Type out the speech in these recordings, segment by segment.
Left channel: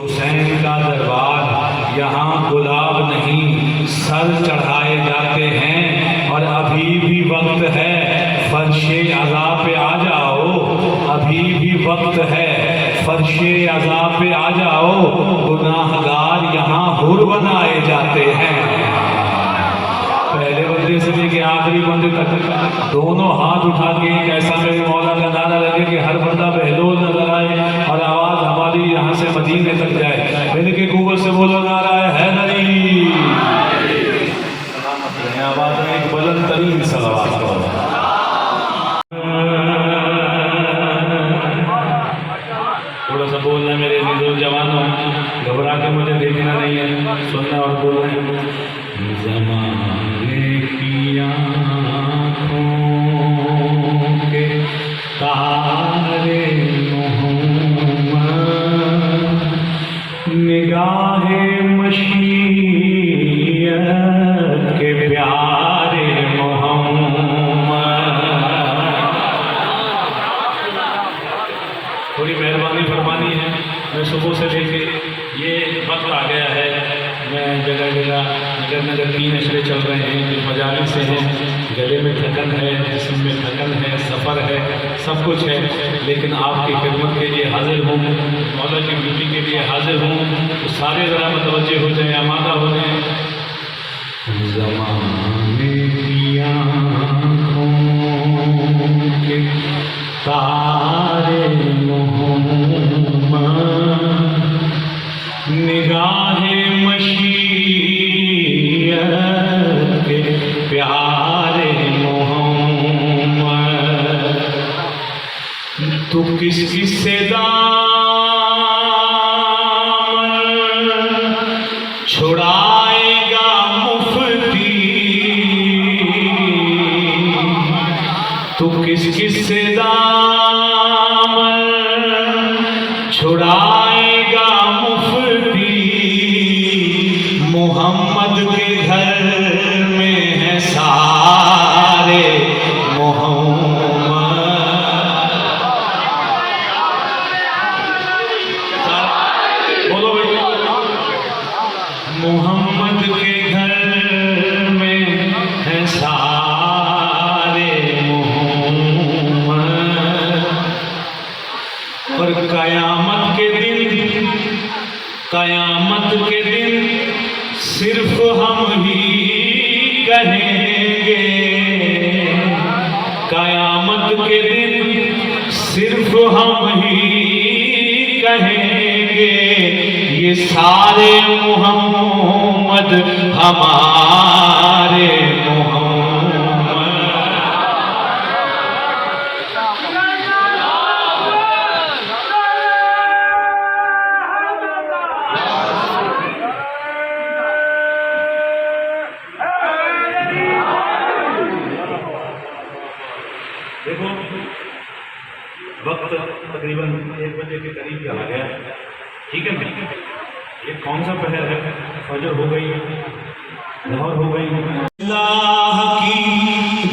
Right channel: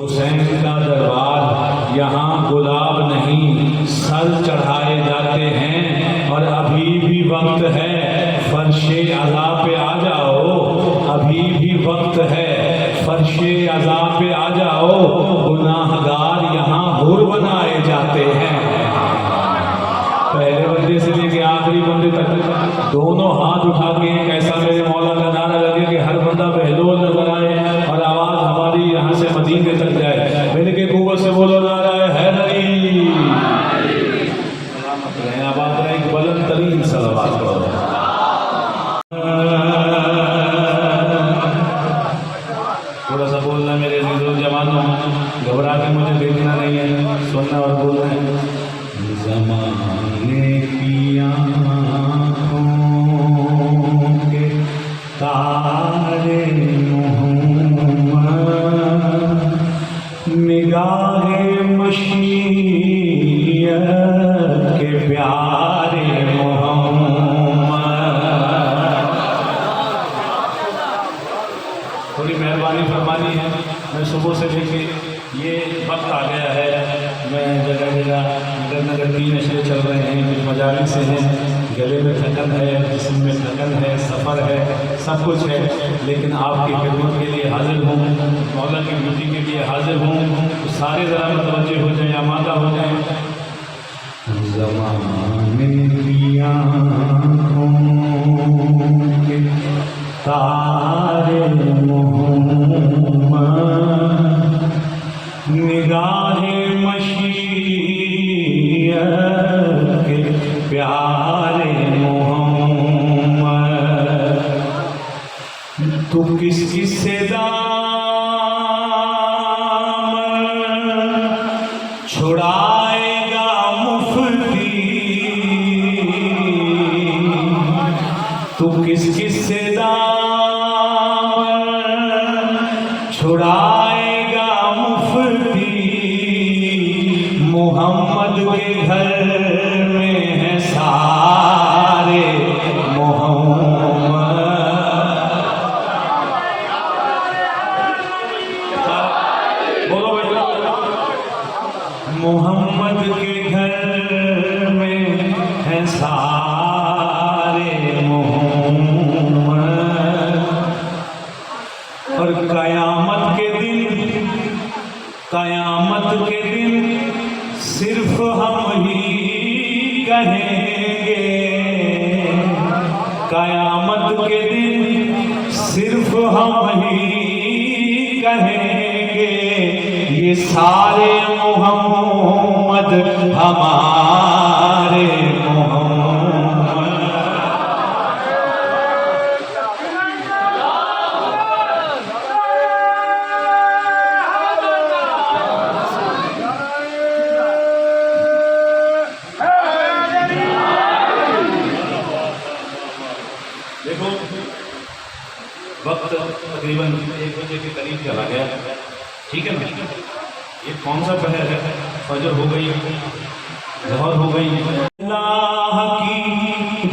हुसैन का दरबार, यहाँ गुलाब नहीं सर चढ़ाए जाते हैं। और अभी भी वक्त है, फर्शे अज़ा पे आ जाओ, अभी भी वक्त है, फर्शे अज़ा पे आ जाओ। गुनाहगार यहाँ हुर बनाए जाते हैं। पहले बंदे से लेके आखिरी बंदे तक दोनों हाथ उठा के एक ऐसा मेरे मौला का नारा लगे कि हर बंदा बहलोल नजर आए और आवाज हमारी यहाँ से मदीने तक जाए। मेरे के कुव्वत से बोलो नारा है नहीं, आवाज है एक बुलंद तरीन सलवात करो। थोड़ा सा बोलना मेरे जवानों, घबरा के मुझे देखना नहीं है, सुनना और बोलना। ज़माने की आँखों के तारे मोहम्मद, निगाहे मशीयत के प्यारे मोहम्मद। थोड़ी मेहरबानी फरमानी है। मैं सुबह से लेके ये वक्त आ गया है, मैं जगह जगह नगर नगर 3 अशरे चल रहे हैं, कुछ मजालिस से हैं, गले में थकन है, जिस्म में थकन है, सफ़र है, सब कुछ है, लेकिन आपकी खिदमत के लिए हाजिर हूँ, मौला की ड्यूटी के लिए हाजिर हूँ। तो सारे ज़रा मुतवज्जे हो जाए, आमादा हो जाए। ज़माने की आँखों के तारे मोहम्मद, निगाहे मशीयत के प्यारे मोहम्मद। तू किसकी दामन छुड़ाएगा मुफ्ती, तू किसकी दामन छुड़ाएगा मुफ्ती। मोहम्मद के घर में है सारे मोहम्मद। बोलो भैया, मोहम्मद के घर में है सारे मोहम्मद। और कयामत के दिन, कयामत के दिन सिर्फ हम ही कहेंगे, कयामत के दिन सिर्फ हम ही कहेंगे, ये सारे मोहम्मद हमारे मोहम्मद। देखो वक्त तकरीबन 1 बजे के करीब चला गया, ठीक है ना। ये कौन सा पहर है? फजर हो गई, ज़हर हो गई। अल्लाह की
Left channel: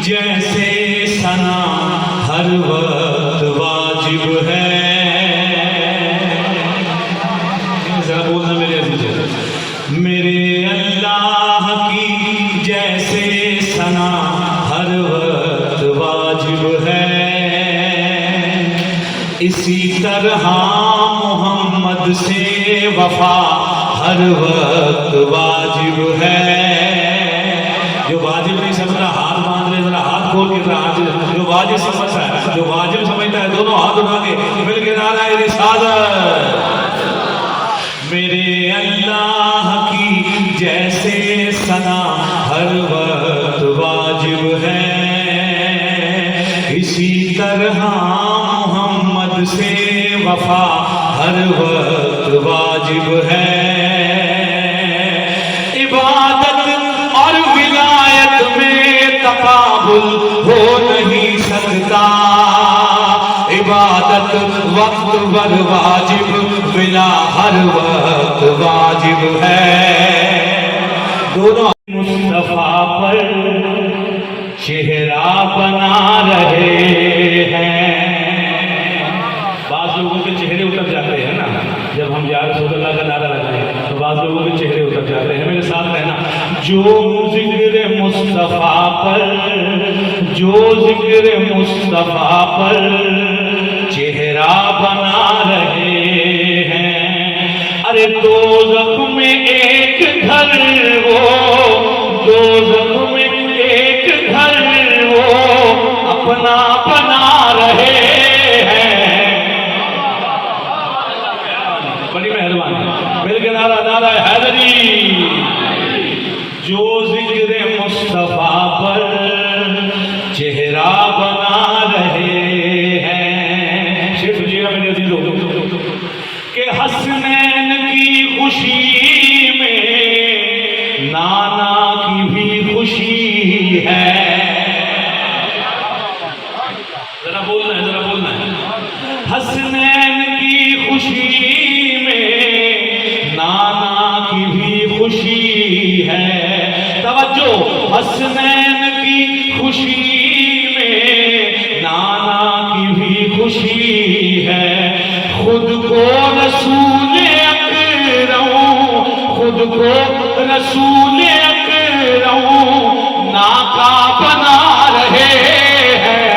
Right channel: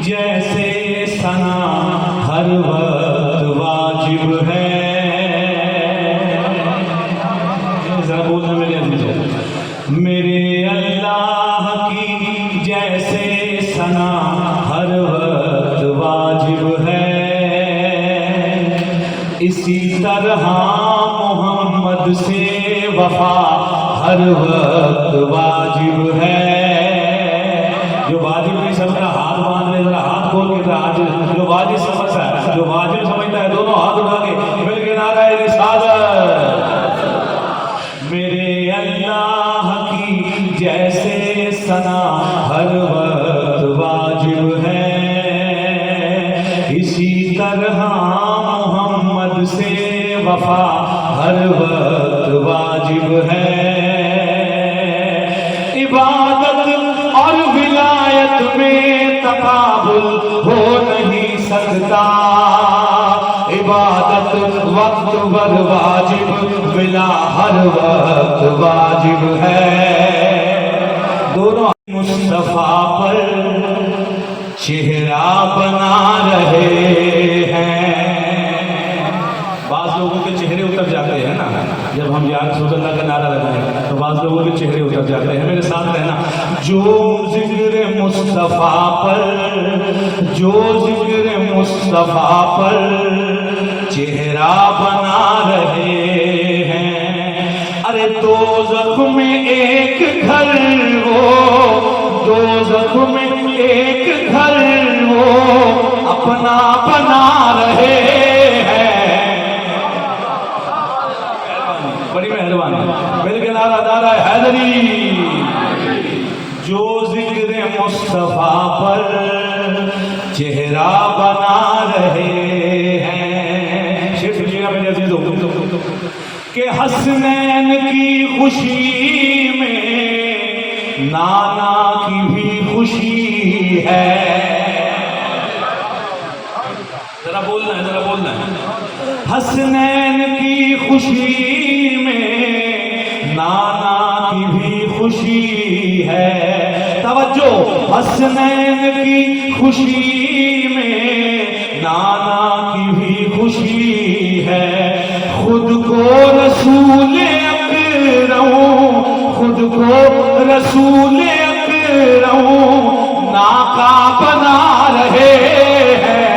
जैसे सना हर वक्त वाजिब है। ज़रा बोलना मेरे अज़ीज़ों, मेरे अल्लाह की जैसे सना हर वक्त वाजिब है। इसी तरह मोहम्मद से वफा हर वक्त वाजिब है। जो वाजिब नहीं समझता हाथ बांध ले, जरा हाथ खोल के जरा। जो वाजिब समझता है, जो वाजिब समझता है, दोनों हाथ उठा के मिल के नारा रिसालत। मेरे अल्लाह की जैसे सना हर वक्त वाजिब है। इसी तरह मोहम्मद से वफा हर वक्त वाजिब है। इबादत और विलायत में तकाबुल हो नहीं सकता। इबादत वक्त पर वाजिब, विला हर वक्त वाजिब है। दोनों मुस्तफा पर चेहरा बना रहे हैं। बाज़ लोगों के चेहरे उतर जाते हैं ना, जब हम यार सोचना जो जिक्र मुस्तफा पर, जो जिक्र मुस्तफा पर चेहरा बना रहे हैं। अरे दो जख्म में एक घर वो, दो जख्म में एक घर वो अपना बना रहे हैं। बड़ी मेहरबानी। मिल के नारा नारा हैदरी। जो जिक्र मुस्तफा पर चेहरा बना रहे हैं। शेर सुनिएगा मेरे अजीजों कि हसनैन की खुशी में नाना की भी खुशी है। जरा बोलना है, जरा बोलना है। हसनैन की खुशी में नाना की भी खुशी है। तवज्जो, हसनैन की खुशी में नाना की भी खुशी है। खुद को रसूल अकरम, खुद को रसूल अकरम नाका बना रहे हैं।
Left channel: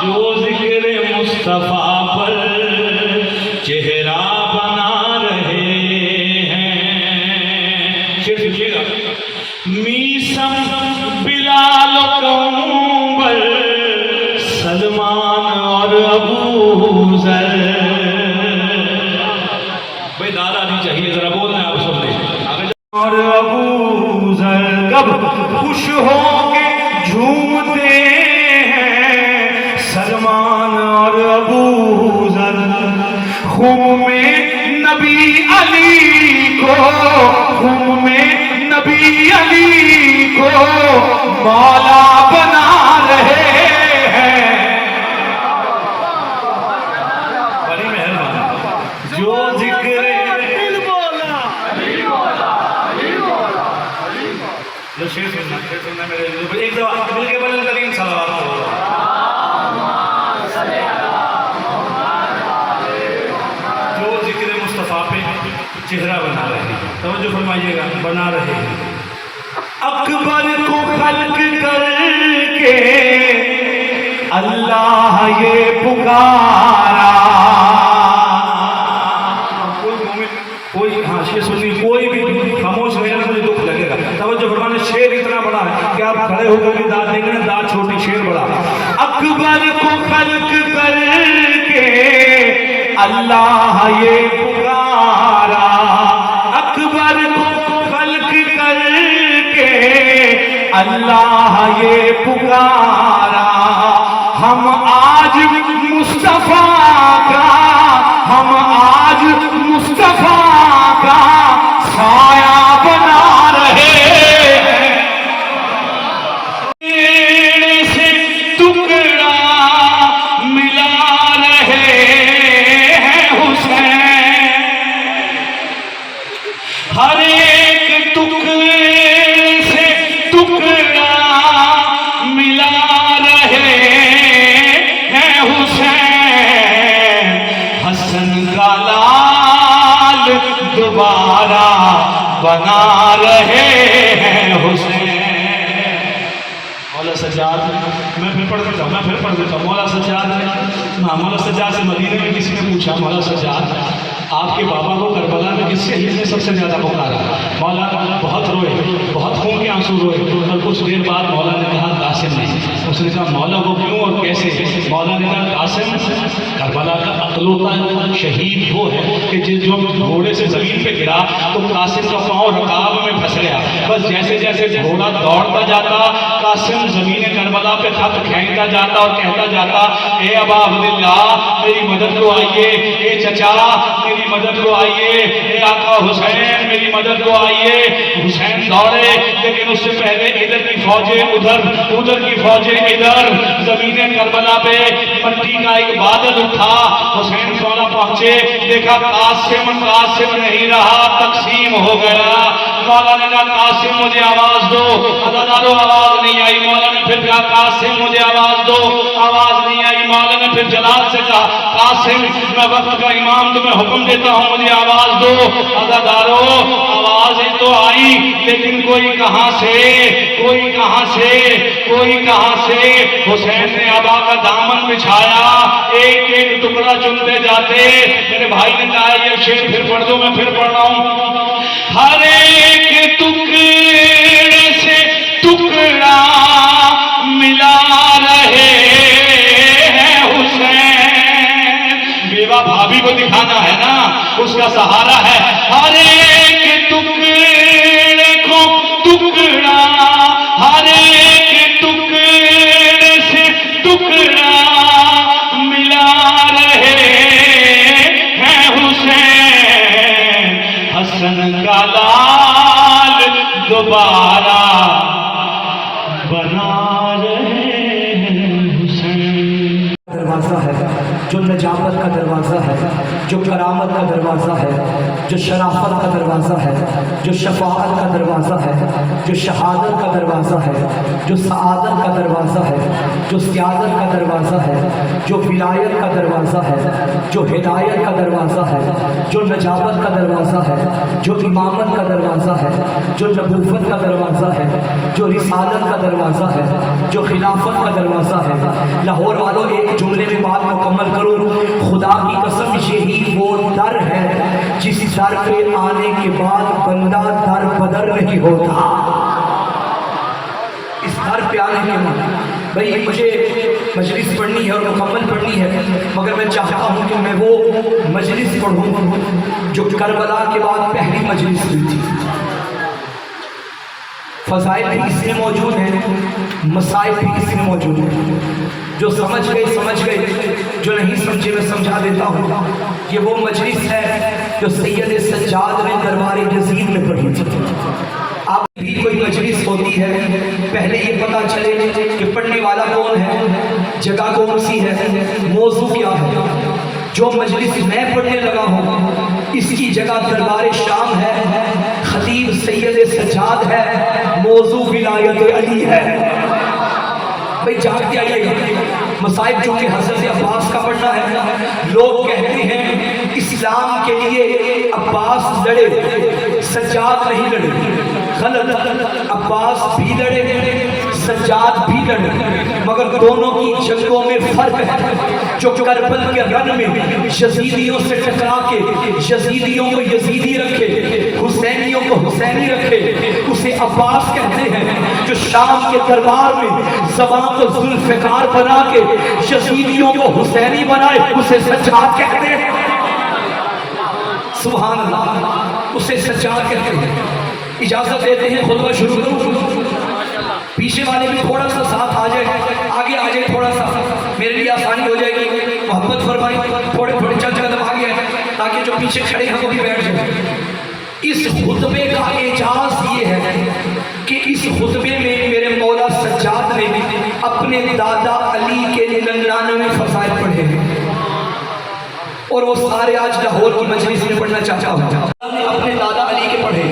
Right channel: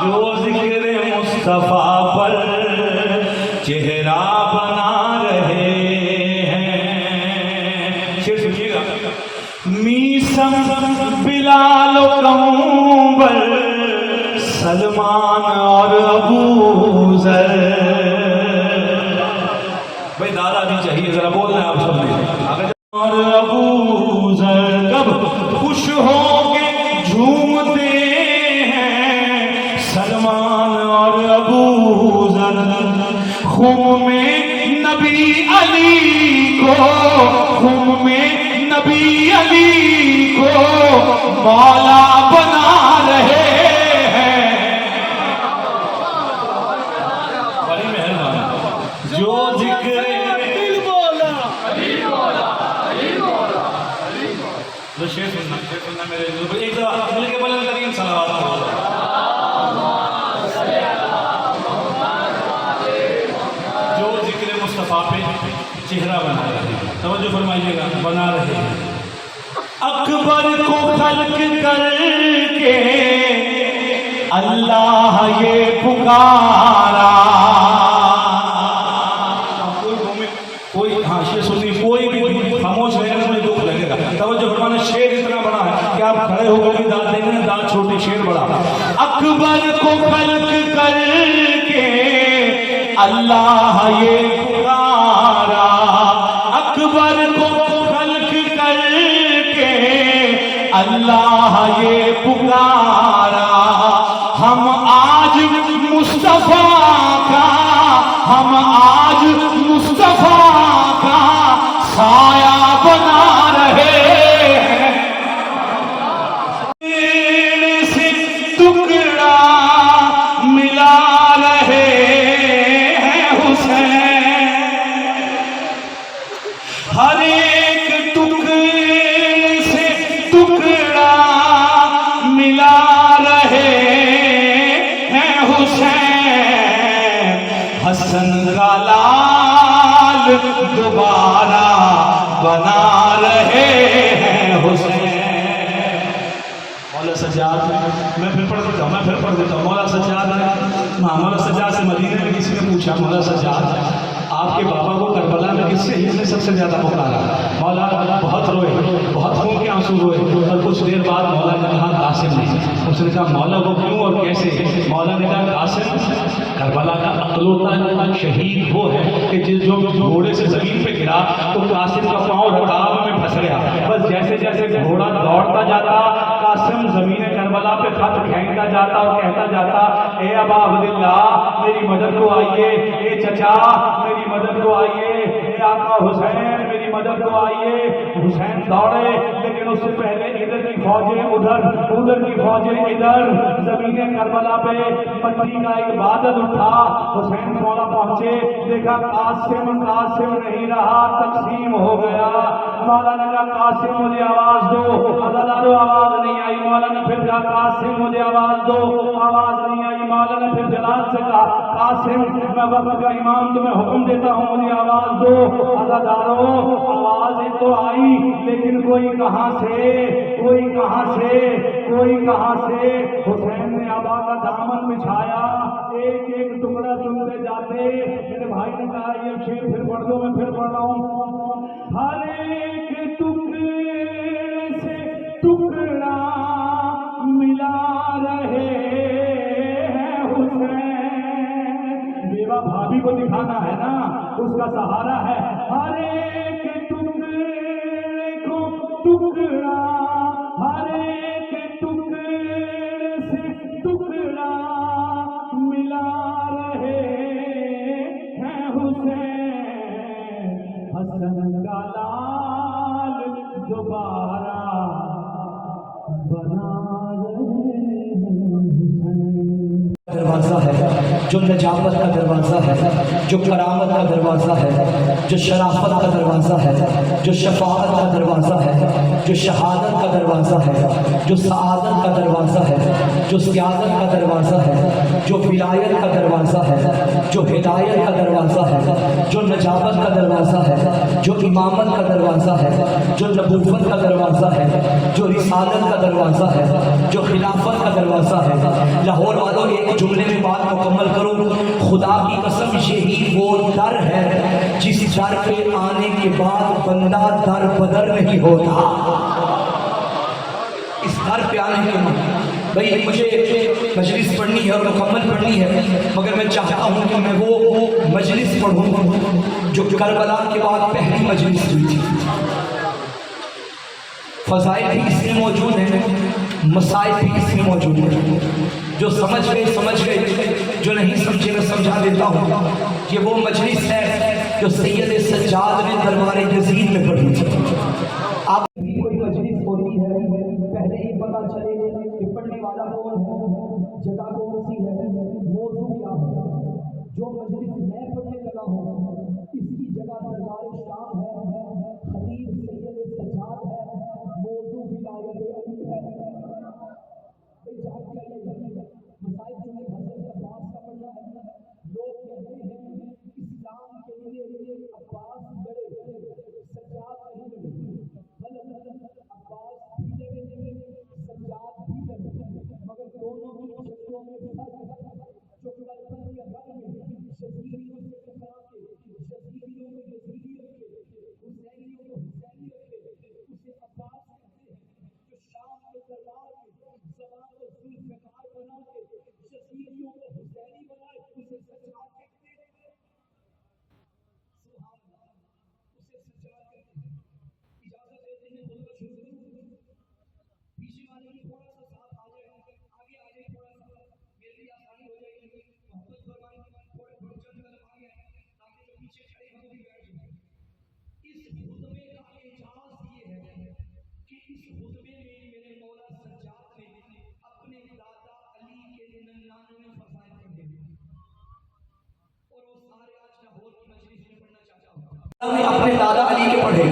जो जिक्र मुस्तफा पर चेहरा बना रहे हैं। शेर सुनिएगा। मीसम बिलाल कंबर सलमान और अबू जर। भाई नारा नहीं चाहिए, जरा बोलना है आप सबने। और अबू जर कब खुश होके झूमते हैं सलमान और अबू जर। खून में नबी अली को, खून में नबी अली को मौला बना रहे हैं। बड़ी मेहरबानी। जो जिक्र शेर सुनना मेरे एक दफा मिल के बोलें करीम सल्लल्लाहु जो जिक्र मुस्तफा पे चेहरा बना रहे हैं। तवज्जो फरमाइएगा, बना रहे हैं। अकबर को खल्क करके अल्लाह ये पुकारा। कोई हाँ शेर सुनिए, कोई भी खामोश रहेगा ना मुझे दुख लगेगा। तवज्जो फरमाना, शेर इतना बड़ा है कि आप खड़े होकर भी दाद देंगे ना, दाद छोटी शेर बड़ा। अकबर को खल्क करके अल्लाह ये पुकारा। अकबर को खल्क करके अल्लाह ये पुकारा। हम आज मुस्तफा का, हम आज मुस्तफा का साया बना रहे हैं। से टुकड़ा मिला रहे हैं हुसैन। हर एक टुकड़े से टुकड़ा मिला रहे हैं हुसैन। हसन का लाल दोबारा बना रहे हैं हुसैन। मौला सज्जाद, मैं फिर पढ़ देता हूँ, मैं फिर पढ़ देता हूँ। मौला सज्जाद, हाँ मौला सज्जाद से मदीने में किसी ने पूछा, मौला सज्जाद आपके बाबा को करबला में किससे इसने सबसे ज्यादा पुकारा? मौला बहुत रोए, बहुत खून के आंसू रोए। और कुछ देर बाद मौला ने कहा कासिम ने। उसने कहा मौला वो क्यों और कैसे? मौला ने कहा कासिम करबला का अकलौता शहीद वो है कि जिस जो घोड़े से जमीन पे गिरा तो कासिम का पाँव रकाब में फंस गया। बस जैसे जैसे घोड़ा दौड़ता जाता कासिम जमीन करबला पे खत फेंकता जाता और कहता जाता, ए अबा अब्दुल्ला मेरी मदद को आइए, ए चचा मेरी मदद को आइए, ए आका हुसैन मेरी मदद को आइए। हुसैन दौड़े लेकिन उससे पहले इधर की फौजें उधर, उधर की फौजें इधर। जमीन करबला पे मट्टी का एक बादल उठा। हुसैन सोना पहुंचे, देखा कासिम कासिम नहीं रहा, तकसीम हो गया। मौला ने कहा कासिम मुझे आवाज दो। अदादारो आवाज नहीं आई। मौला ने फिर कहा कासिम मुझे आवाज दो, आवाज नहीं आई। मौला ने फिर जलाल से कहा कासिम मैं वक्त का इमाम तुम्हें हुक्म देता हूँ मुझे आवाज दो। अज़ादारो आवाज तो आई लेकिन कोई कहां से, कोई कहां से, कोई कहां से। हुसैन ने अबा का दामन बिछाया, एक एक टुकड़ा चुनते जाते। मेरे भाई ने कहा ये शेर फिर पढ़ दो, मैं फिर पढ़ रहा हूं। हर एक टुकड़े से टुकड़ा मिला रहे हैं हुसैन। बेवा भाभी को दिखाना है ना, उसका सहारा है। हर एक टुकड़े को टुकड़ा, हर एक टुकड़े से टुकड़ा मिला रहे हैं हुसैन। हसन का लाल दोबारा बना रहे हैं हुसैन। दरवाज़ा है जो नजाबत का दरवाज़ा है, जो करामत का दरवाज़ा है, जो शराफत का दरवाज़ा है, जो शफाअत का दरवाज़ा है, जो शहादत का दरवाज़ा है, जो सआदत का दरवाज़ा है, जो सियादत का दरवाज़ा है, जो विलायत का दरवाज़ा है, जो हिदायत का दरवाज़ा है, जो नजाबत का दरवाज़ा है, जो इमामत का दरवाज़ा है, जो नबूवत का दरवाज़ा है, जो रिसालत का दरवाज़ा है, जो खिलाफत का दरवाज़ा है। लाहौर वालों एक जुमले में बात मुकम्मल करो। खुदा की कसम यही वो दर है जिस दर पे आने के बाद बंदा दर बदर नहीं होता। इस दर पे आने के बाद भाई मुझे मजलिस पढ़नी है और मुकम्मल पढ़नी है, मगर मैं चाहता हूँ कि मैं वो मजलिस पढ़ूँ जो करबला के बाद पहली मजलिस हुई थी। फज़ाइल भी इसमें मौजूद हैं, मसाइल भी इसमें मौजूद हैं। जो समझ गए, जो नहीं समझे मैं समझा देता हूँ। ये वो मजलिस है जो सैयद सज्जाद ने दरबार यजीद में पढ़ी थी। आप भी कोई मजलिस होती है, पहले ये पता चले कि पढ़ने वाला कौन है, जगह कौन सी है, मौजू क्या है। जो मजलिस मैं पढ़ने लगा हूँ इसकी जगह दरबार शाम है, खतीब सैयद सज्जाद है, मौजू विलायत अली है। भाई जाग के आइए। मसाइब चूंकि हज़रत अब्बास का पढ़ना है, लोग कहते हैं इस्लाम के लिए अब्बास लड़े, सज्जाद नहीं लड़े। गलत, अब्बास भी लड़े, सज्जाद भी लड़े, मगर दोनों की जंगों में फर्क है। जो करबल के रन में यजीदियों से टकरा के यजीदियों को यजीदी रखे, हुसैनियों को हुसैनी रखे, उसे अब्बास कहते हैं। जो शाम के दरबार में ज़बान को जुल्फ़िकार बना के यजीदियों को हुसैनी बनाए, उसे सज्जाद कहते हैं। सुभान अल्लाह, उसे सज्जाद कहते हैं। इजाजत देते हैं खुतबा शुरू करूं। पीछे वाले भी थोड़ा सा साथ आ जाए, आगे आ जाए, थोड़ा सा मेरे लिए आसानी हो जाएगी। मोहब्बत फरमाई, थोड़े थोड़े चल कदम आगे आए ताकि जो पीछे खड़े हैं वो भी बैठ जाए। इस खुतबे का एजाज ये है कि इस खुतबे में मेरे मौला सज्जाद ने अपने दादा अली के 99 फज़ाइल पढ़े हैं और वो सारे आज लाहौर की मजलिस में पढ़ना चाहता हूँ। अपने दादा अली के पढ़े।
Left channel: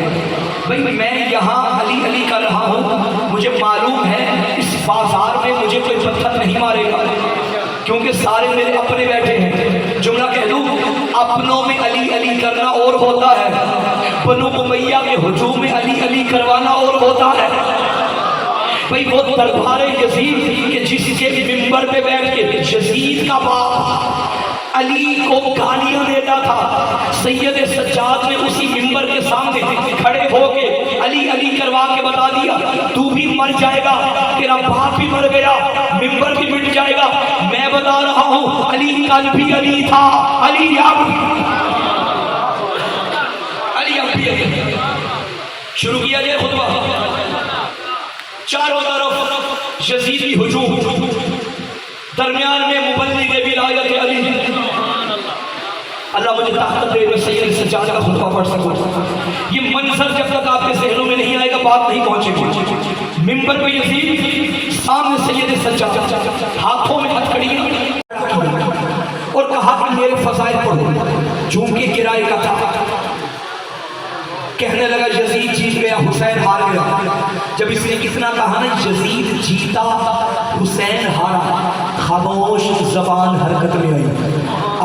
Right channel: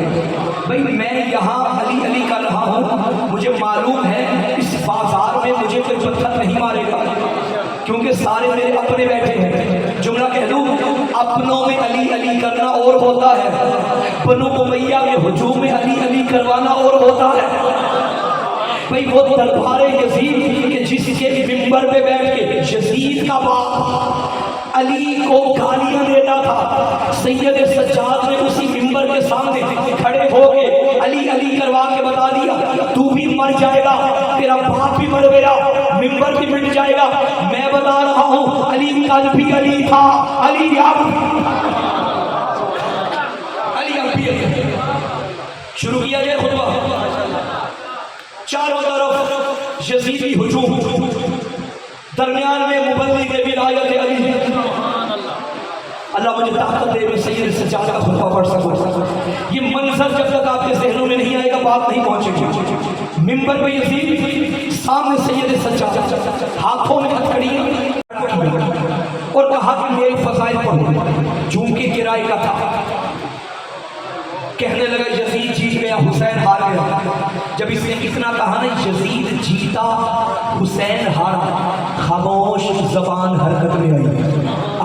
भाई मैं यहाँ अली अली कर रहा हूँ, मुझे मालूम है इस बाजार में मुझे कोई पत्थर नहीं मारेगा क्योंकि सारे मेरे अपने बैठे हैं। जुमला कह दूँ, अपनों में अली अली करना और होता है, बनु उमैया के हुजूम में अली अली करवाना और होता है। भाई वो दरबार यजीद के जिसके मिंबर पे बैठ के यजीद का बाप अली को गालियां देता था, सैयद सज्जाद ने उसी मिंबर के सामने खड़े होके अली अली करवा के बता दिया, तू भी मर जाएगा, तेरा बाप भी मर गया, मिंबर भी मिट जाएगा। मैं बता रहा हूँ अली कल भी अली था, अली अब भी। शुरू किया जाए खुतबा। चारों तरफ यजीदी हुजूम, दरमियान में मुबल्लिग विलायत अली। अल्लाह मुझे ताकत दे मैं सैयद सज्जाद का खुतबा पढ़ सकूं। ये मंजर जब तक आपके ज़हनों में नहीं आएगा बात नहीं पहुंचेगी। मिंबर पे यजीद, सामने सैयद सज्जाद, हाथों में हथकड़ियां और कहा कि मेरे फज़ाइल पढ़ो। झूम के किराए का था, कहने लगा यजीद जीत गया, हुसैन हार गया। जब इसने इतना कहा ना यजीद जीता, हुसैन हारा, खामोश जबान हरकत में आई।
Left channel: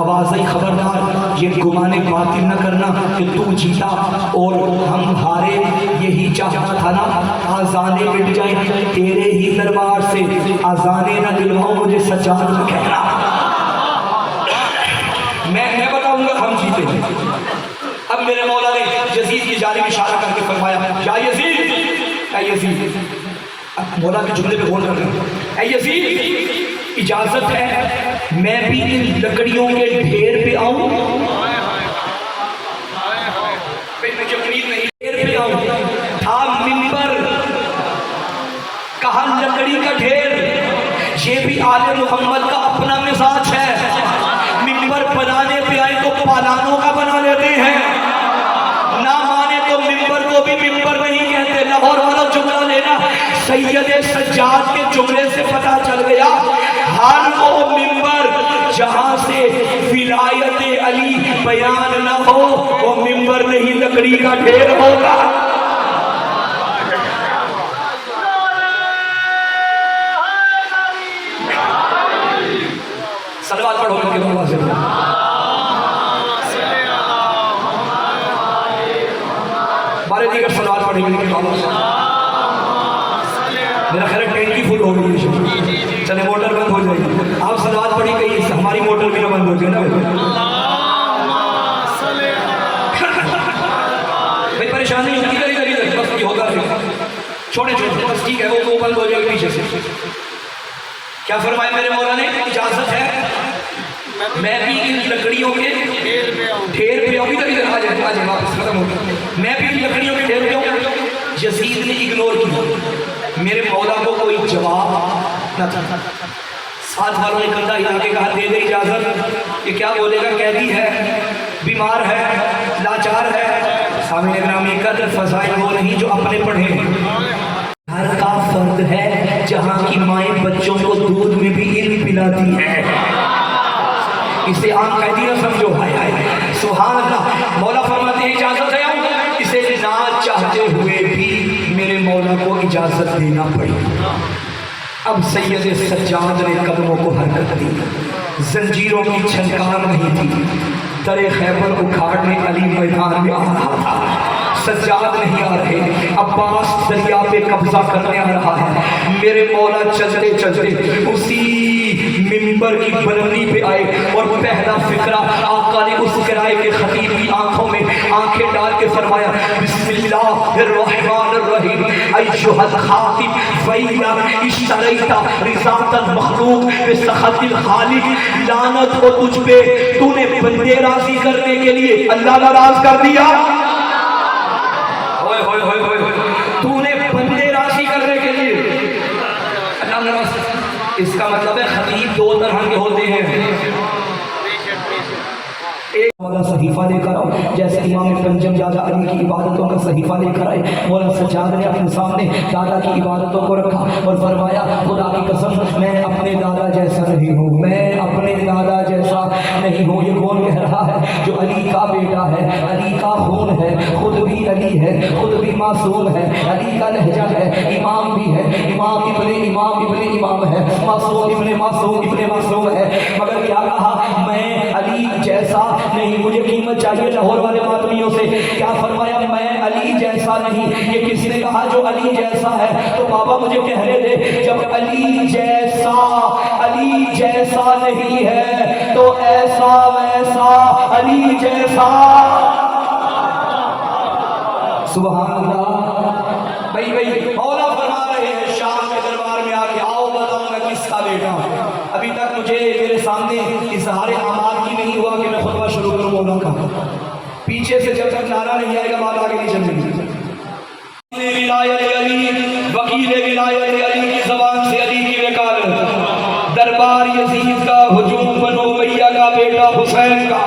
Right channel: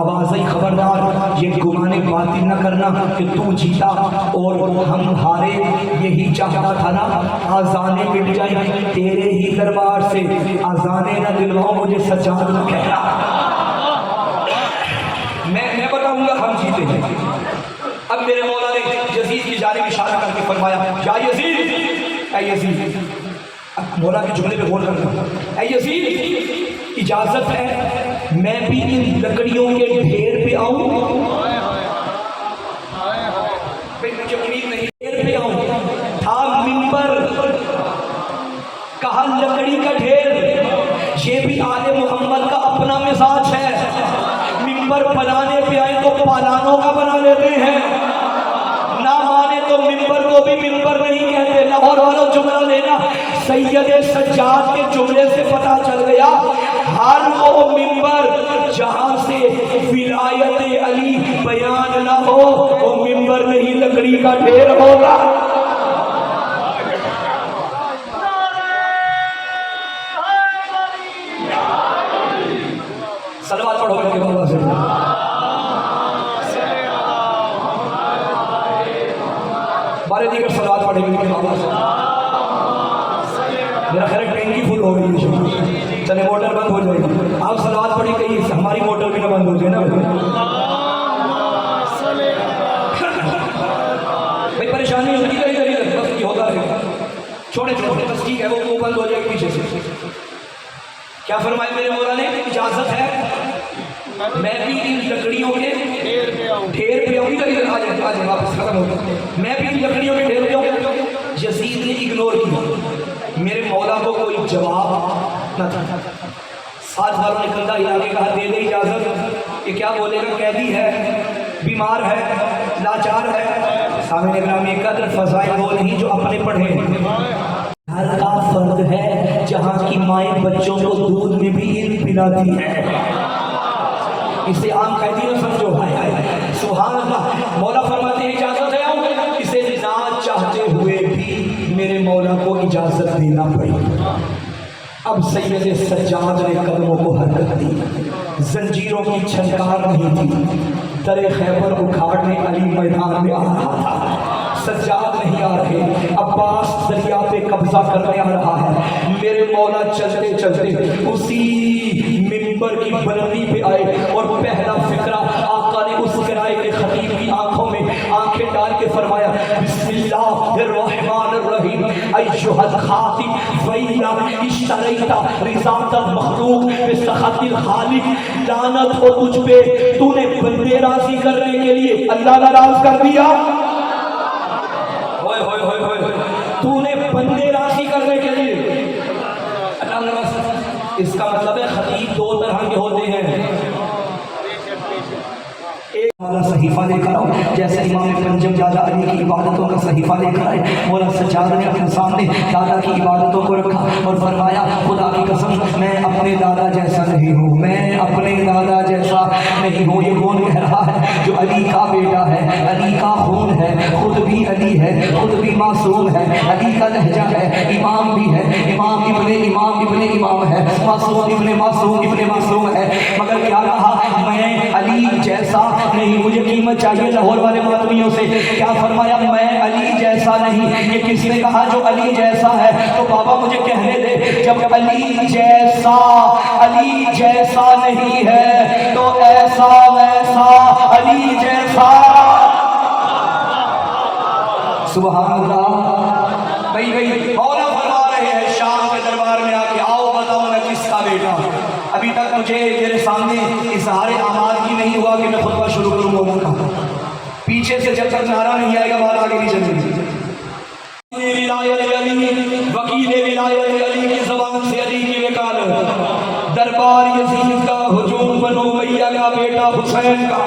आवाज़ आई, खबरदार ये गुमाने बातिल न करना कि तू जीता और हम हारे, यही चाहता था ना, आज़ाने मिट जाए तेरे ही दरबार से, आज़ाने न दिलवाओ मुझे सज्जाद न कहना। मैं बताऊंगा हम जीते हैं। अब मेरे मौला ने यजीद की जानिब इशारा करके फरमाया, या यजीद, ऐ यजीद, अब मौला के जुमले पे गौर करना, ऐ यजीद इजाजत है मैं भी इन लकड़ियों के ढेर पे आऊं? मुझे उम्मीद नहीं, ढेर पे आऊं। था मिंबर, कहा लकड़ी का ढेर, ये भी आले मोहम्मद का अपना मिजाज है। मिंबर बनाने पे आए तो पालानों का बना लेते हैं, ना माने तो मिंबर को भी मिंबर नहीं कहते। लाहौर वालों जुमला लेना, सैयद सज्जाद के जुमले से पता चल गया हर वो मिंबर जहां से विलायत अली बयान न हो वो मिंबर नहीं लकड़ी का ढेर होगा। सलवात पढ़ो इनके बाबा से। बारे दीगर सलवात पढ़ेंगे इनके बाबा से। मेरा ख्याल टैंकी फुल हो गई है, चले मोटर बंद हो जाएगी। आप सलवात पढ़ी कही, हमारी मोटर भी ना बंद हो जाए ना भाई, परेशानी होती है इधर इधर, बस ये होता है, छोटे छोटे बस ठीक है, वो बंद हो जाएगा पीछे से। क्या फरमाया मेरे मौला ने, इजाजत है मैं भी इन लकड़ियों के ढेर पे आऊं। इधर इधर आ जाए वापस, खत्म हो गया। मैं भी इन लकड़ियों के ढेर पे आऊं। यजीद ने इग्नोर किया, मेरे मौला को कोई जवाब न था। साथ वालों ने कंधा हिला के कहा, दे दे इजाजत, ये क्या बोलेगा, कैदी है, बीमार है, लाचार है। सामने ग्राम में कदर फजाइल वो नहीं जो अपने पढ़े। घर का फर्द है जहाँ की माएँ बच्चों को दूध में भी इल्म पिलाती है, इसे आम कैदी न समझो। हाय हाय सुभान अल्लाह। मौला फरमाते हैं इजाजत है, इसे ना चाहते हुए भी मेरे मौला को इजाजत देना पड़ी। अब सैयद सज्जाद ने कदमों को हरकत दी, जंजीरों की छनकार नहीं थी, दरे खैबर उखाड़ने अली मैदान में आ रहा था। सज्जाद नहीं आ रहे, अब्बास दरिया पे कब्जा करने आ रहा है। मेरे मौला चलते चलते उसी मिंबर की बुलंदी पे आए और पहला फिक्रा आका ने उस किराए के खतीब की आंखों में आंखें डाल के फरमाया, बिस्मिल्लाहिर्रहमानिर्रहीम अय्युहल खातिब फैया इश्तरैता रिज़ातल मखलूक बिसखतिल खालिक, लानत हो तुझ पे, तूने बंदे राजी करने के लिए अल्लाह नाराज कर दिया। तूने बंदे राशि करने के लिए अल्लाह नाराज। इसका मतलब है खतीब दो तरह के होते हैं, एक मौला सहीफा लेकर आओ, जैसे इमाम पंजम दादा अली की इबादतों का सहीफा लेकर आए। मौला सज्जाद ने अपने सामने दादा की इबादतों को रखा और फरमाया, खुदा की कसम मैं अपने दादा जैसा नहीं हूँ, मैं अपने दादा जैसा नहीं हूँ। ये कौन कह रहा है? जो अली का बेटा है, अली का खून है, खुद भी अली है, खुद भी मासूम है, अली का लहजा है, इमाम भी है, इमाम इब्ने इमाम है, मासूम इब्ने मासूम है। मगर क्या कहा, मैं अली जैसा नहीं, मुझे कीमत चाहिए लाहौर वाले मातमियों से। क्या फरमाया, मैं अली जैसा नहीं। ये किसी ने कहा जो अली जैसा है, तो बाबा मुझे कहने दे, जब अली जैसा नहीं है तो ऐसा वैसा अली जैसा। सुभान अल्लाह। भाई मौला फरमा रहे हैं शाम के दरबार में आके, आओ बताओ मैं किसका बेटा। अभी तक मुझे मेरे सामने इज़हार आमाद भी नहीं हुआ कि मैं खुतबा शुरू करूँ मौला का। पीछे से जब तक नारा नहीं आएगा बात आगे नहीं चलेगी। विलायत अली, वकील विलायत अली की ज़बान से अली की वकालत, दरबार यजीद का, हुजूम बनो उमैया का बेटा हुसैन का,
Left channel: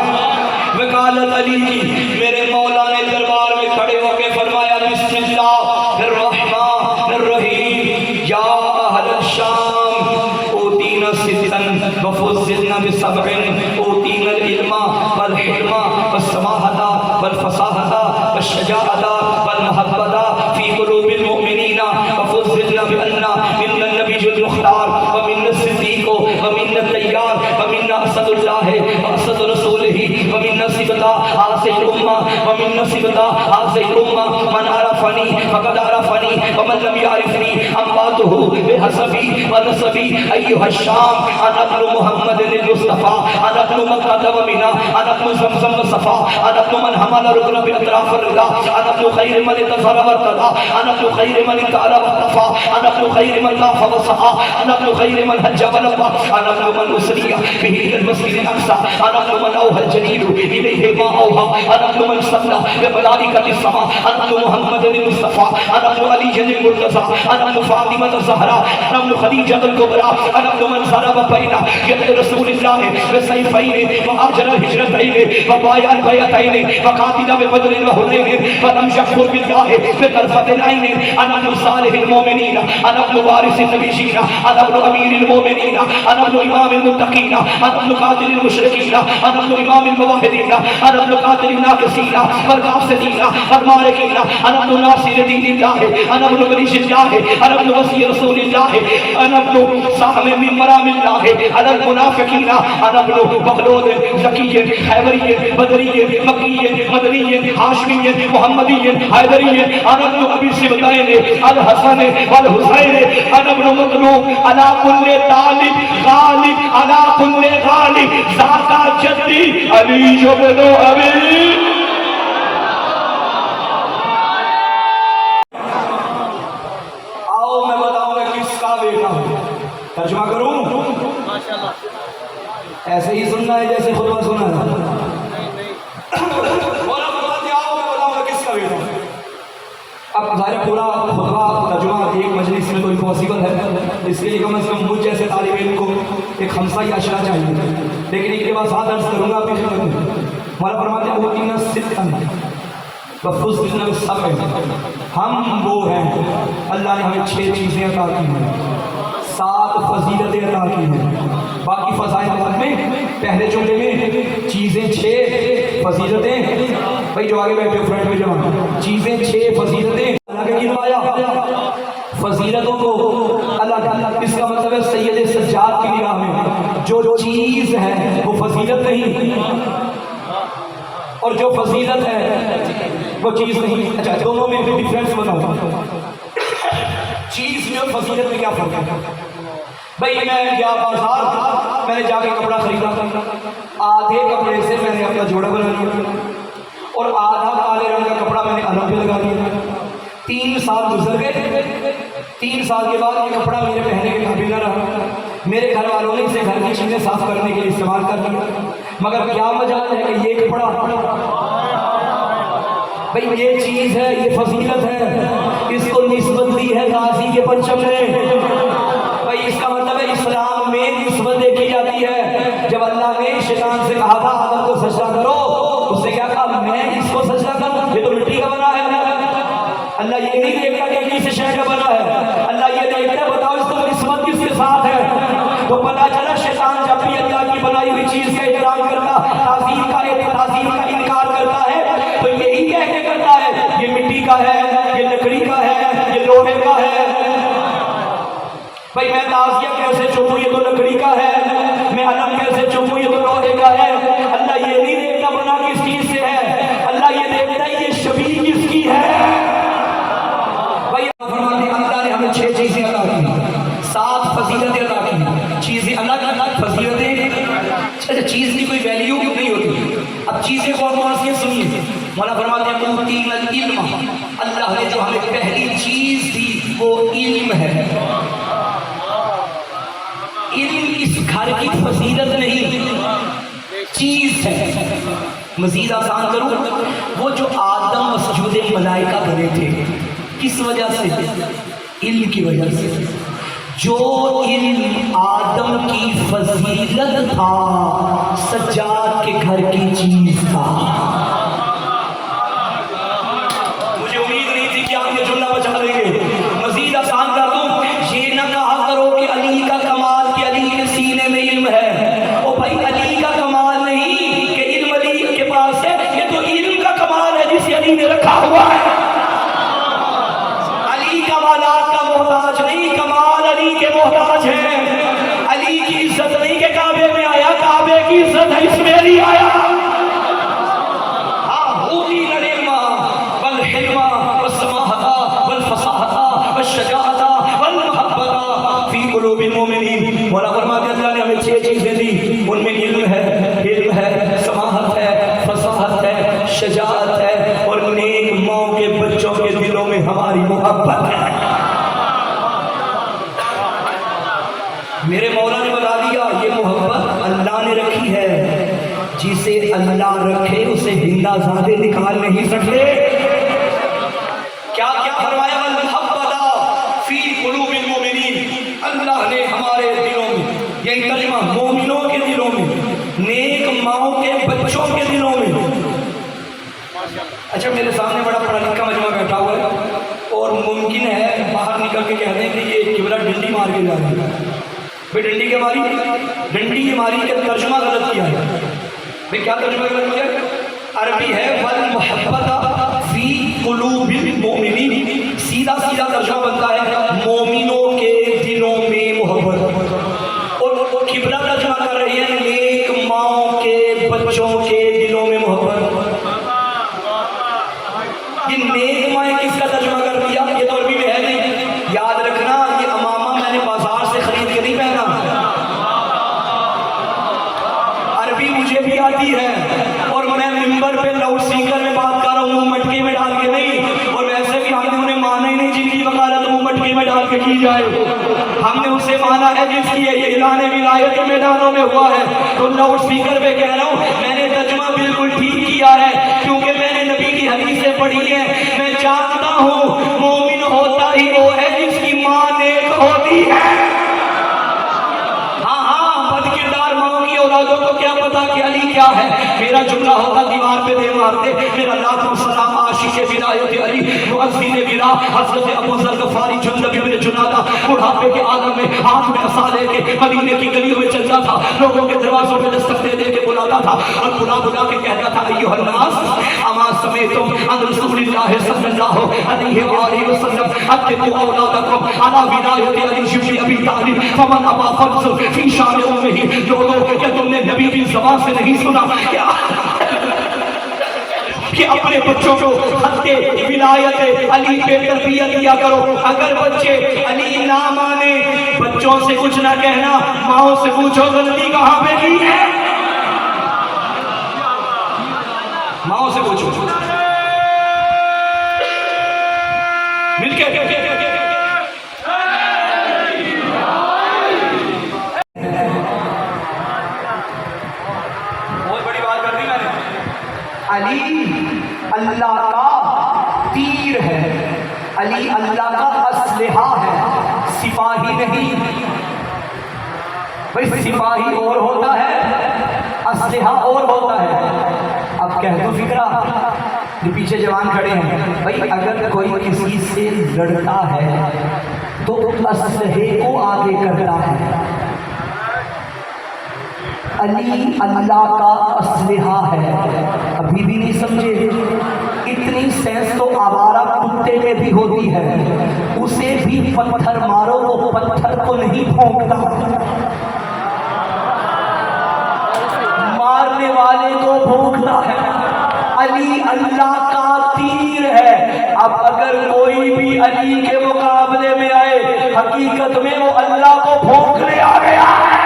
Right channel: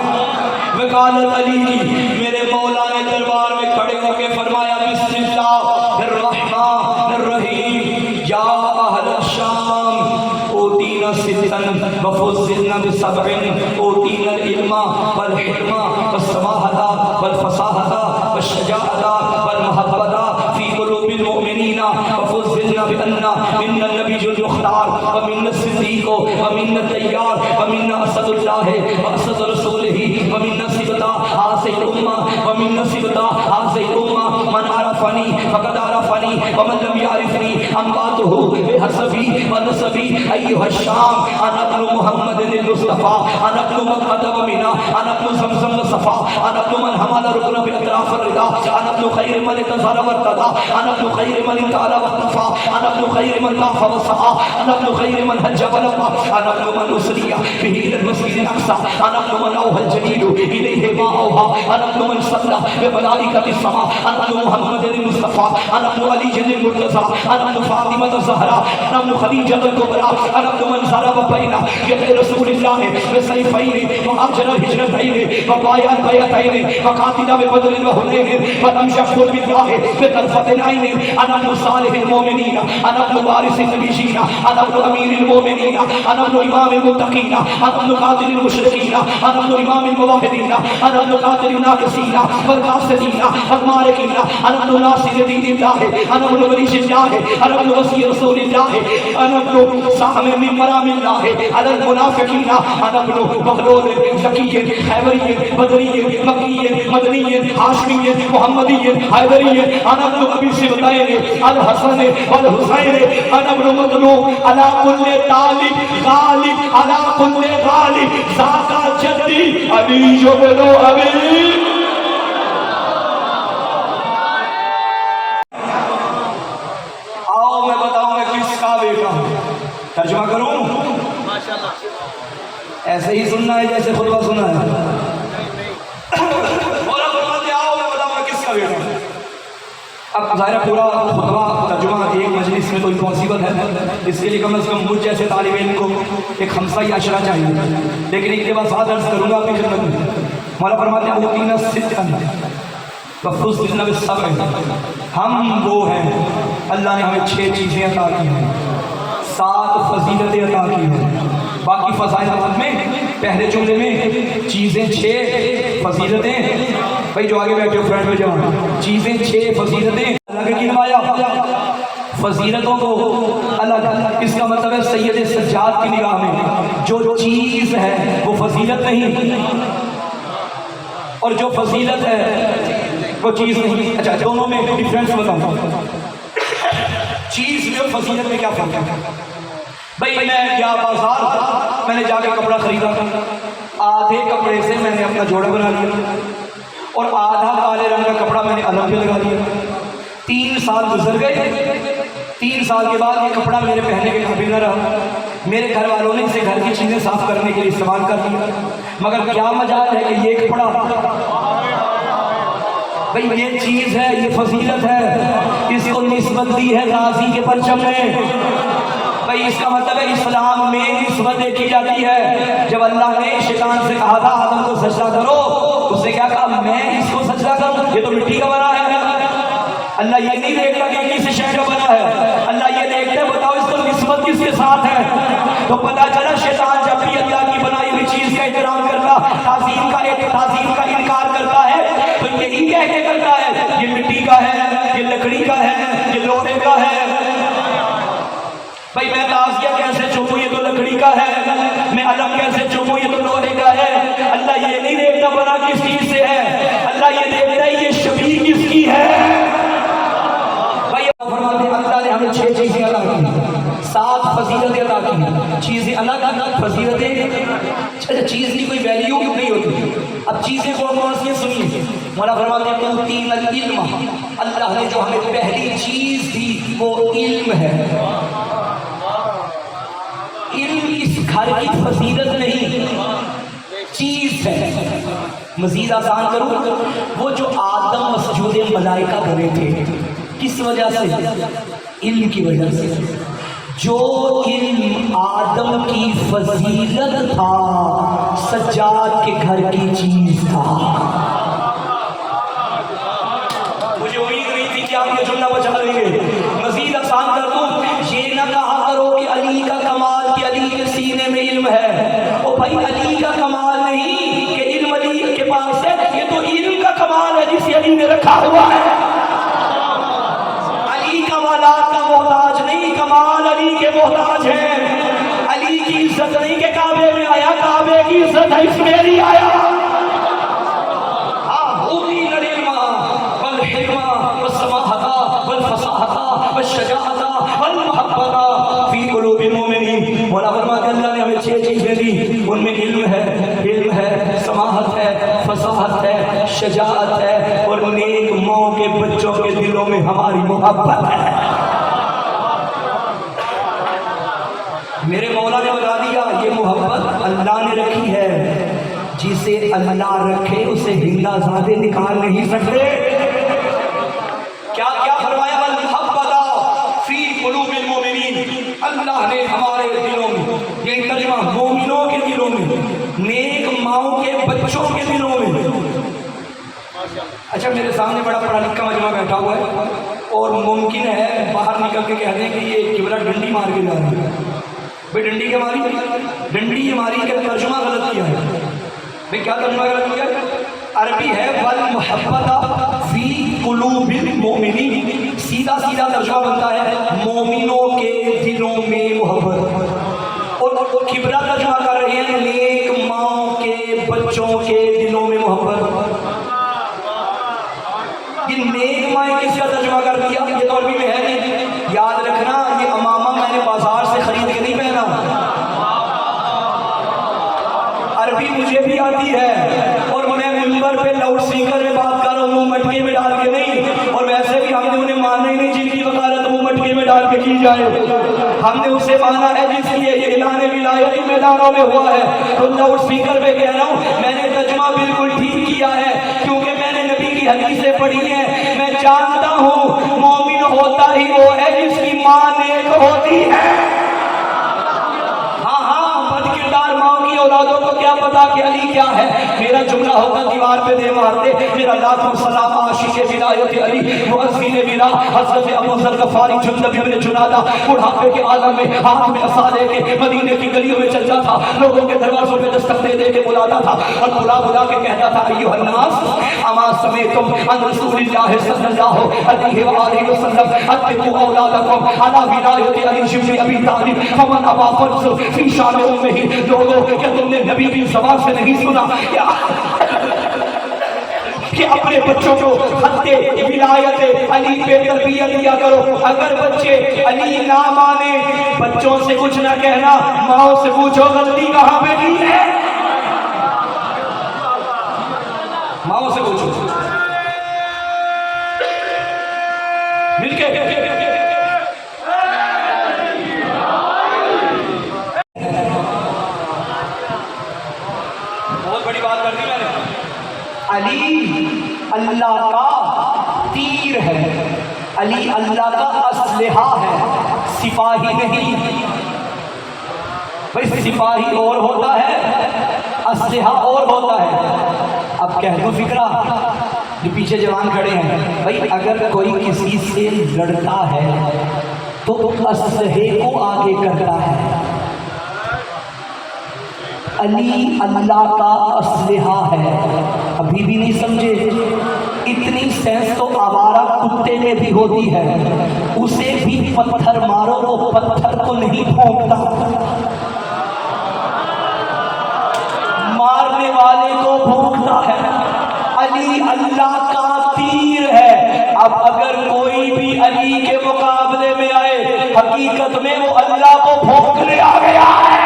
वकालत अली की। मेरे मौला ने दरबार में खड़े होकर फरमाया, बिस्मिल्लाहिर्रहमानिर्रहीम या अहल शाम ओतीना सित्तन वफुज़्ज़िलना बिसबइन ओतीना इल्मा वल हिकमा वस्समाहता वल फसाहता वश्शजाअता वल महब्बता फी कुलूबिल मुमिनीना वफुज़्ज़िलना बिअन्ना आरफनी फकद आरफनी वमन लम यारिफनी अम्मातुहु बिहसबी व नसबी अय्युहा शाम अना इब्नु मुहम्मदिन मुस्तफा अना इब्नु मन क़दम मिना अना इब्नु ज़मज़म व सफ़ा अना इब्नु मन हमल रुकन बिल अतराफ रिदा अना इब्नु खैर मन तज़र व तदा अना इब्नु खैर मन ताला व तफ़ा अना इब्नु खैर मन ताफ़ा व सहा अना इब्नु खैर मन हज्ज व लब्बा अना इब्नु मन उसरिया बिही इलल मस्जिद अल अक़सा अना इब्नु मन औहल जदीद इलैहि मा औहा अना इब्नु मन सल्ला ब मलाइकति समा अना इब्नु मुहम्मदिन मुस्तफा अना इब्नु अली अल मुर्तज़ा अना इब्नु फातिमा ज़हरा अना इब्नु खदीजा अल कुबरा अना इब्नु मन ज़रब बैना यद रसूलिल्लाह व सैफैन व अजर हिजरतैन व बायअल बैतैन व कातिला ब बदर व हुनैन व लम यशकुर बिल्लाह फ़ि तरफ़तिल ऐन अना इब्नु सालिहिल मुमिनीन अना इब्नु वारिसिन नबिय्यीन अना इब्नु अमीरिल मुमिनीन अना इब्नु इमामिल मुत्तक़ीन अना इब्नु कातिलिल मुशरिकीन अना इब्नु इमामिल मुवहिदीन अना इब्नु कातिलिन नाक़िसीन वल कासिदीन वल मारिकीन अना इब्नु नासिर दीनिल्लाह अना इब्नु वलिय्यिल्लाह अना इब्नु वसी रसूलिल्लाह अना इब्नु साहब मिन मरामिल्लाह अना इब्नु मुनाफ़िकीन अना इब्नु मखलूद ज़की खैबरी बदरी मक्की मदनी हाशमी मुहम्मदी हैदरी अना इब्नु अबी सिबतैन अल हसन वल हुसैन अना इब्नु मज़लूम अला कुल्ले तालिब गालिब अला कुल्ले गालिब ज़ाका जद्दी अली इब्नु अबी। आओ मैं बताऊंगा किसका बेटा हूं। तर्जुमा करूं? ऐसे ही सुनना है जैसे खुतबा सुना है। आओ मैं बताऊंगा किसका बेटा हूं। अब ज़ाहिर पूरा खुतबा तर्जुमा एक मजलिस में तो इम्पॉसिबल है, इसके लिए कम से कम मुझ जैसे तालिब इल्म को एक खमसा या अशरा चाहिए। लेकिन एक बात साथ अर्ज करूँगा अपनी खिदमत में। मौला फरमाते हैं उतीना सिद्दन व फुज़्ज़िलना बिस्सब्र। हम वो हैं, अल्लाह ने हमें 6 चीज़ें अता की हैं, 7 फजीलतें अता की हैं। बाकी फ़ज़ाइल में पहले जुमले में चीज़ें 6 फजीलतें, भाई जो आगे बैठे फ्रेंड में जमा चीज़ें 6 फजीलतें अल्लाह ने गिनवाया। फजीलतों को अल्लाह, इसका मतलब है सैयद सज्जाद की निगाह में जो चीज़ है वो फजीलत नहीं, और जो फजीलत है वो चीज़ नहीं। अच्छा, दोनों में डिफरेंस बताओ, चीज़ में और फजीलत में क्या फर्क है? भाई मैं गया बाजार, मैंने जाके कपड़ा खरीदा, आधे कपड़े से मैंने अपना जोड़ा बना लिया और आधा काले रंग का कपड़ा मैंने अलग पे लगा दिया। 3 साल गुजर गए, 3 साल के बाद ये कपड़ा मेरे पहनने के काबिल न रहा। मेरे घर वालों ने इसे घर की चीज़ें साफ करने के लिए इस्तेमाल कर दिया। मगर क्या मजाल है कि ये कपड़ा, भाई ये चीज़ है, ये फजीलत है, इसको निस्बत दी है गाजी के परचम में। भाई इसका मतलब है इस्लाम में निस्बत देखी जाती है। जब अल्लाह ने शैतान से कहा था आदम को सजदा करो, उससे क्या कहा? मैं इसको सजदा करूं, ये तो मिट्टी का बना है। अल्लाह ये नहीं देखता कि किस शय का बना है, अल्लाह ये देखता है बताओ इसको निस्बत किसके साथ है। तो पता चला शैतान जब भी अल्लाह की बनाई हुई चीज़ का एहतराम करता, ताज़ीम का इनकार करता है, तो यही कह के करता है ये मिट्टी का है, ये लकड़ी का है, ये लोहे का है। भाई मैं ताज़िया कैसे चूमूं, ये तो लकड़ी का है। मैं अलग कैसे चूमूं, ये तो लोहे का है। अल्लाह ये नहीं देखता बना किस चीज़ से है, अल्लाह ये देखता है ये शबीह किसकी है। भाई अल्लाह ने हमें 6 चीज़ें अता की, 7 फजीलतें अता की। चीज़ें अलग अलग फजीलतें, चीज़ की कोई वैल्यू नहीं होती। अब चीज़ें कौन कौन सी सुनिए। मौला फरमाते हैं उतीनल इल्म, अल्लाह ने जो हमें पहली चीज़ दी वो इल्म है। इल्म इस घर की फजीलत नहीं, चीज़ है। मजीद आसान करूँ, वो जो आदम सजूद मलाइका बने थे किस वजह से? इल्म की वजह से। जो इल्म आदम की फजीलत था, सज्जाद के घर की चीज़ था। मुझे उम्मीद नहीं थी कि आप ये जुमला बचा लेंगे। मजीद आसान कर दूँ, ये ना कहा करो कि अली का कमाल, कि अली के सीने में इल्म है। ओ भाई अली का कमाल नहीं कि इल्म अली के पास है, ये तो इल्म का कमाल है जिसे अली ने रखा हुआ है। अली कमालात का मोहताज नहीं, कमाल अली के मोहताज है। अली की इज्जत नहीं के काबे में आया, काबे की इज्जत है इसमें नहीं आया। हाँ, मौला ने बता दिया ये मोहब्बत अल्लाह ने रखी है, जिसे अल्लाह रखे उसे हिंदा ज़ादे निकाल नहीं सकते। क्या क्या फरमाया, वल मुहब्बता फी कुलूबिल मोमिनीन, अल्लाह ने हमारे दिलों में, ये तर्जुमा मोमिनों के दिलों में, नेक माओ के बच्चों के दिलों में। अच्छा मेरे सामने बड़ा पढ़ा लिखा मजमा बैठा हुआ है और मुमकिन है बाहर निकल के कह दें कि ये किबरा डंडी मार के जा रहा है। भाई डंडी क्या मारी, डंडी ये मारी के तर्जुमा गलत किया है। भाई क्या तर्जुमा गलत किया, अरबी है वल मुहब्बता फी कुलूबिल मोमिनीन, सीधा सीधा तर्जुमा बनता है मोमिनों के दिलों में मोहब्बत, और किबरा तर्जुमा कर रहे हैं नेक माओ के बच्चों के दिलों में मोहब्बत। ये नेक माए किसका तर्जुमा कर दिया, ये तो अरबी में है नहीं। याद रखना ये अमामा मैंने बाजार से खरीद के नहीं पहना, अरबी मुझे भी आती है और मैं मिंबर पे लाउड स्पीकर में बात कर रहा हूँ, मुंह मटके में डाल के नहीं। और वैसे भी हमने उन्हें माना ही नहीं जिनकी वकालत मुंह मटके में डाल के की जाए, हमने उसे माना है जिसकी ये ऐलान विलायत मैदानों में हुआ है। तो लाउड स्पीकर पे कह रहा हूँ मैंने तर्जुमा बिल्कुल ठीक किया है, क्योंकि मैंने नबी की हदीसें पढ़ी हैं। मैं जानता हूँ मोमिन होता ही वो है जिसकी माँ नेक होती है। हाँ हाँ, बदकिरदार माँ की औलादों को क्या पता कि अली क्या है। मेरा जुमला होता दीवार पे दे मारते, मेरा लाखों सलाम आशिक़ विलायत अली मुअज़्ज़िन बिला हज़रत अबू ज़र गफ़ारी जुंदब इब्न जुनादा, बुढ़ापे के आलम में हाथ में असा लेके मदीने की गलियों में चलता था, लोगों के दरवाजों पे दस्तक दे दे के बुलाता था और बुला बुला के कहता था अय्युहन नास अमा समीअतुम अन रसूलिल्लाहि सल्लल्लाहु अलैहि व आलिहि वसल्लम अत्तिक़ू औलादकुम अला विलायत अली शिबली अबी तालिब फमन अबा फर्ज़ फी शान उम्मिही। लोगों क्या तुमने नबी की ज़बान से नहीं सुना कि अपने बच्चों को हत्ते विलायत अली पे तरबियत दिया करो। अगर बच्चे अली ना माने, बच्चों से कुछ ना कहना, माओ से पूछो गलती कहाँ पे की है, माओ से पूछो मिलके। बहुत बड़ी बात कर दी मैंने। अली अल्लाह का तीर है, अली अल्लाह का असलहा है, सिपाही नहीं। भाई सिपाही और होता है, असलहा और होता है। अब कह दो फिक्रा जो पीछे जवान खड़े हैं, भाई अगर कोई किसी से लड़ता है तो असलहे को आगे करता है। अली अल्लाह का असलहा है। अभी भी नहीं समझे, इतनी सेंस तो आवारा कुत्ते में भी होती है, उसे भी पत्थर मारो तो पत्थर को नहीं भौंकता, मारने वाले को भौंकता है। अली अल्लाह का तीर है। अब अगर कोई भी अली के मुकाबले में आए, हकीकत में वो अल्लाह को भौंकने आ गया है।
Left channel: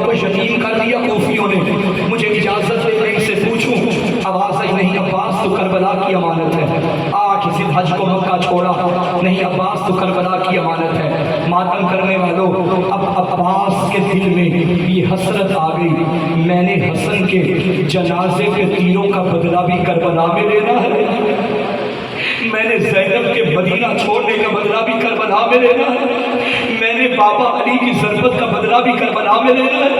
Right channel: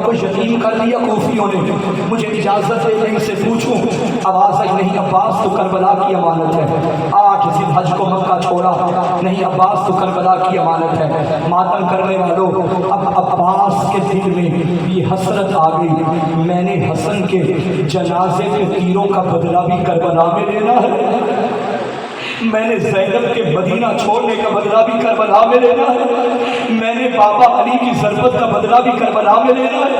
को यकीन कर लिया कूफियों ने। मुझे इजाजत है मैं इसे पूछूं, आवाज आई नहीं अब्बास तो करबला की अमानत है। आठ जिलहज को मक्का छोड़ा, नहीं अब्बास तो करबला की अमानत है। मातम करने वालों, अब अब्बास के दिल में ये हसरत आ गई, मैंने हसन के जनाजे के तीरों का बदला भी करबला में लेना है, मैंने ज़ैनब के मदीना छोड़ने का बदला भी करबला में लेना है, मैंने बाबा अली की ज़रबत का बदला भी करबला में लेना है,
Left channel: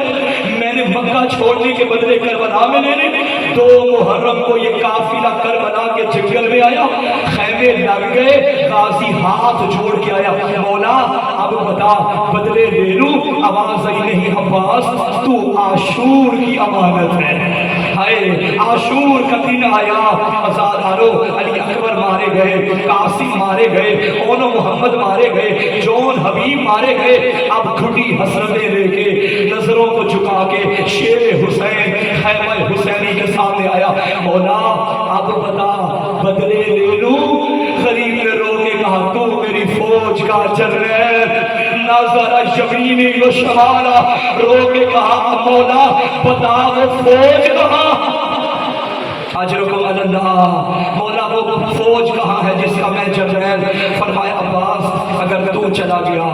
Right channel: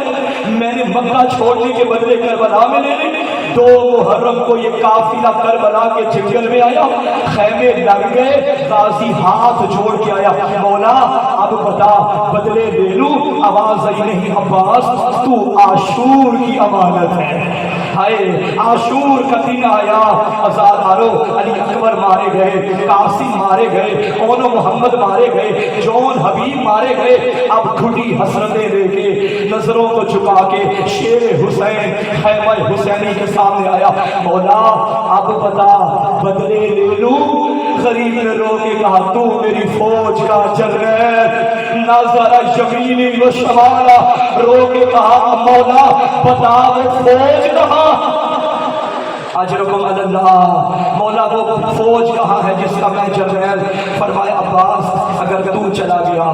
मैंने मक्का छोड़ने के बदले करबला में लेने। 2 मुहर्रम को ये काफिला करबला के जंगल में आया, खैमे लग गए, गाजी हाथ जोड़ के आया, मौला अब बता बदले ले लूं। आवाज आई नहीं अब्बास तू आशूर की अमानत है। हाय आशूर का दिन आया, हजारों अली अकबर मारे गए, कासिम मारे गए, ओनो मोहम्मद मारे गए, जौन हबीब मारे गए। अब खुटी हसरतें लेके नजरों को झुका के शेर हुसैन खैमा हुसैनी के सामने आया, मौला अब बता बदले ले लूं। गरीब ने रो के कहा तू मेरी फौज का जनरल नजरा यमीनी व शमाला, रो के कहा मौला बता वो फौज कहाँ, अजरुकुम अल्लाह, मौला वो फौज कहाँ है जिसका मैं जनरल। फरमाया अब्बास अगर तू चला गया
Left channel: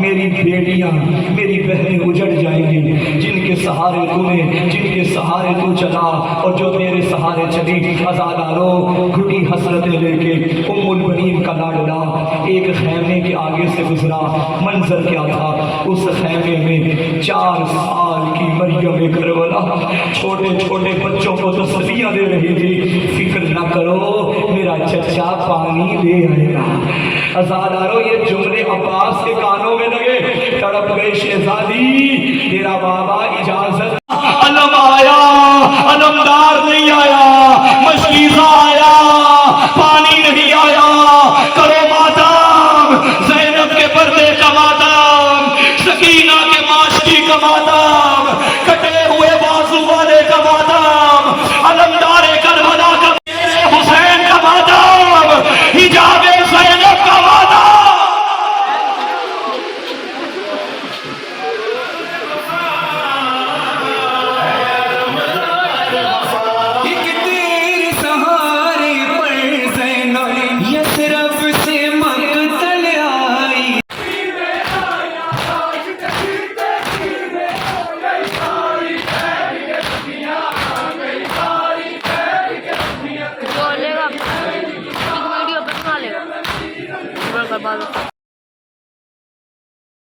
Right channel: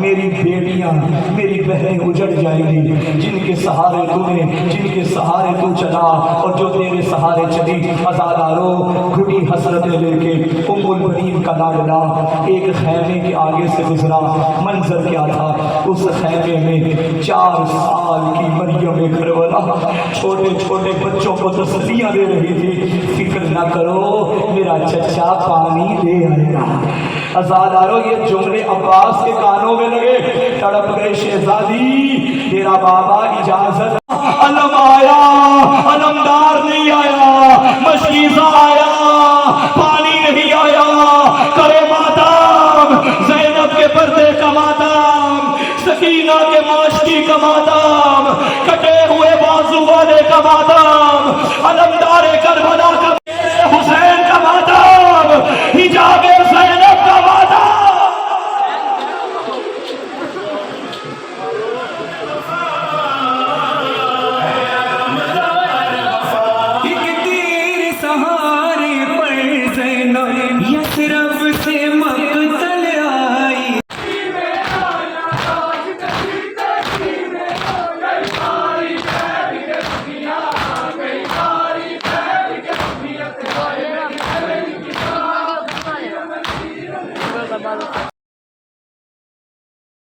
मेरी बेटियां मेरी बहनें उजड़ जाएंगी, जिनके सहारे तूने जिनके सहारे तू चला और जो तेरे सहारे चली। अज़ादारों घुटी हसरतें लेके उम्मुल बनीन का लाडला एक खैमे के आगे से गुजरा। मंजर क्या था, उस खैमे में 4 साल की मरियम करबला छोटे छोटे बच्चों को तसल्लियां दे रही थी, फिक्र ना करो मेरा चचा पानी ले आएगा। अज़ादारों ये जुमले अब्बास के कानों में लगे, तड़प गए शहजादी तेरा बाबा इजाजत। अलम आया, अलमदार नहीं आया, मशकीज़ा आया, पानी नहीं आया, करो मातम ज़ैनब के पर्दे का मातम, सकीना के माशकी का मातम, कटे हुए बाजू वाले का मातम, अलमदार करबला का हुसैन का मातम, हिजाबे ज़ैनब का मातम। एक तेरे सहारे पर ज़ैनब यसरब से मक़तल आई। बोलेगा वीडियो बनवा लेगा।